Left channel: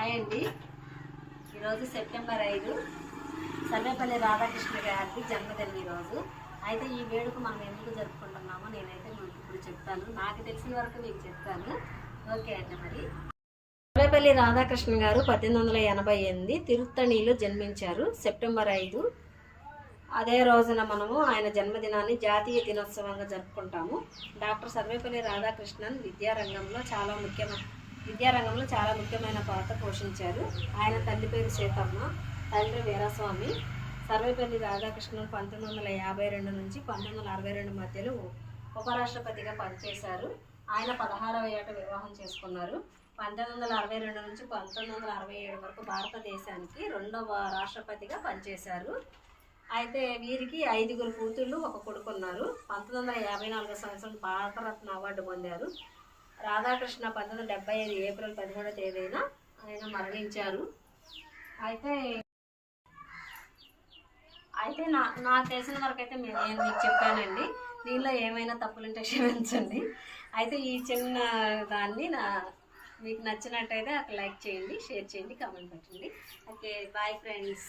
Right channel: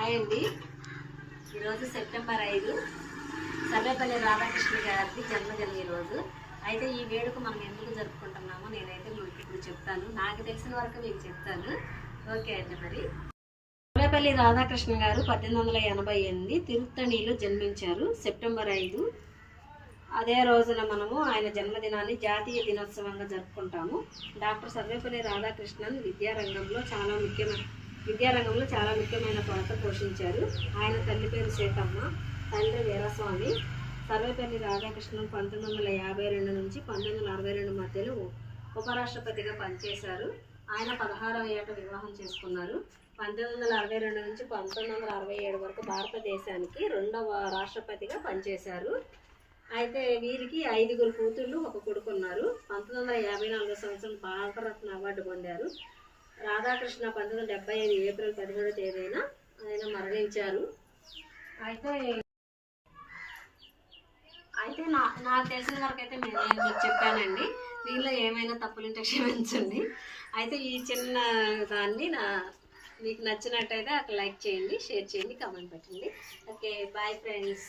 Hi అండి. ఈరోజు September 5 Sarvepalli Radhakrishna గారి జన్మదినం ఈరోజు. అయితే ఈ వేడుక మనం ఎందుకు జరుపుకుంటున్నామో నేనైతే మీకు ఇప్పుడు చెప్తాను. నాకు తెలిసిన వరకు మీకు చెప్తాను. ఓకే అండి. మరి సర్వేపల్లి రాధాకృష్ణ గారు 1888 తిరుత్తణిలో జన్మించారు సెప్టెంబర్ 5. అదే రోజున మనము ఆయన జన్మదినాన్ని జాతీయ దినోత్సవంగా జరుపుకుంటాము. డాక్టర్ సర్వేపల్లి రాధాకృష్ణన్ విద్యారంగంలో చాలా ముఖ్యమైన పాత్ర పోషించారు. ఆయన తల్లి పేరు సీతమ్మ, తండ్రి వీరస్వామి. సర్వేపల్లి రాధాకృష్ణన్ 1952 నుంచి 1962 మధ్యలో ఉపరాష్ట్రపతిగా పనిచేశారు. ఆయన 16వ ఏట వివాహం చేసుకున్నారు. 1962 నుంచి 1967 వరకు భారతదేశానికి 2వ రాష్ట్రపతిగా పనిచేశారు. అయితే వీరికి 5 కూతుళ్ళు, 1 కొడుకు ఉన్నారు. 1954 సంవత్సరం భారతరత్న అవార్డు పొందారు. రాధాకృష్ణ 1975 ఏప్రిల్ 17వ తేదీన ఆయన మరణించారు. అయితే నాకు తెలిసిన వరకు అయితే నేను మీకు చెప్పానండి. దీనిలో ఏమైనా తప్పులుంటే క్షమించండి. అయితే ఈ చిన్న దాన్ని మీకు నచ్చినట్టయితే అక్కడ లైక్ చేయండి, షేర్ చేయండి, కామెంట్ పెట్టండి. Okay, bye friends.